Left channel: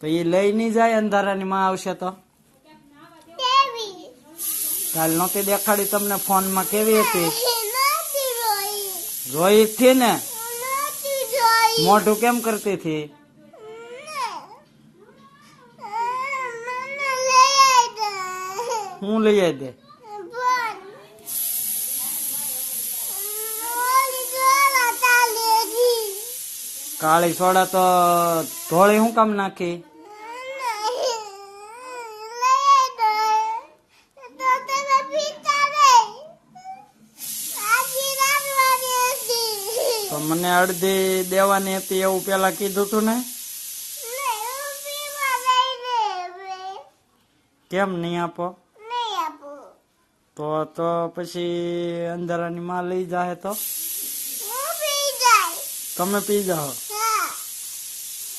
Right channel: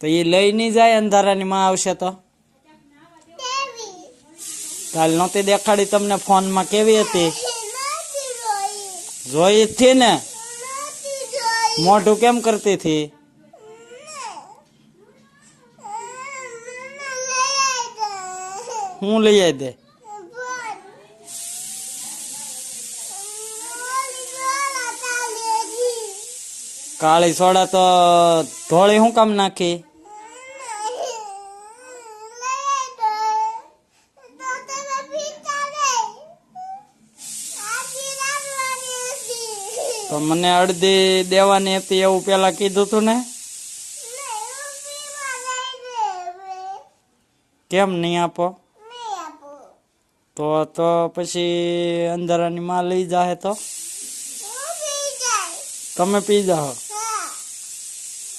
તો એ લઈ નહીં જાય અંધારાની માં આવશે તો? કાલ નહોતી દેખાડી તમને ફોનમાં? કેવી હતી? જોઈ જ થી ને? મોઢું કેમ કરતી હતી? હું લઈ આવી દે? કાળી સોડા તો ધોળી શું કામ નાખી? તો મને અડધી દેવાની હતી એવું પેલા કીધું તું ને? કેમ નહીં આપો? તો પછી અંધારાની માં લઈ જાહે તો તમે પી જાઓ.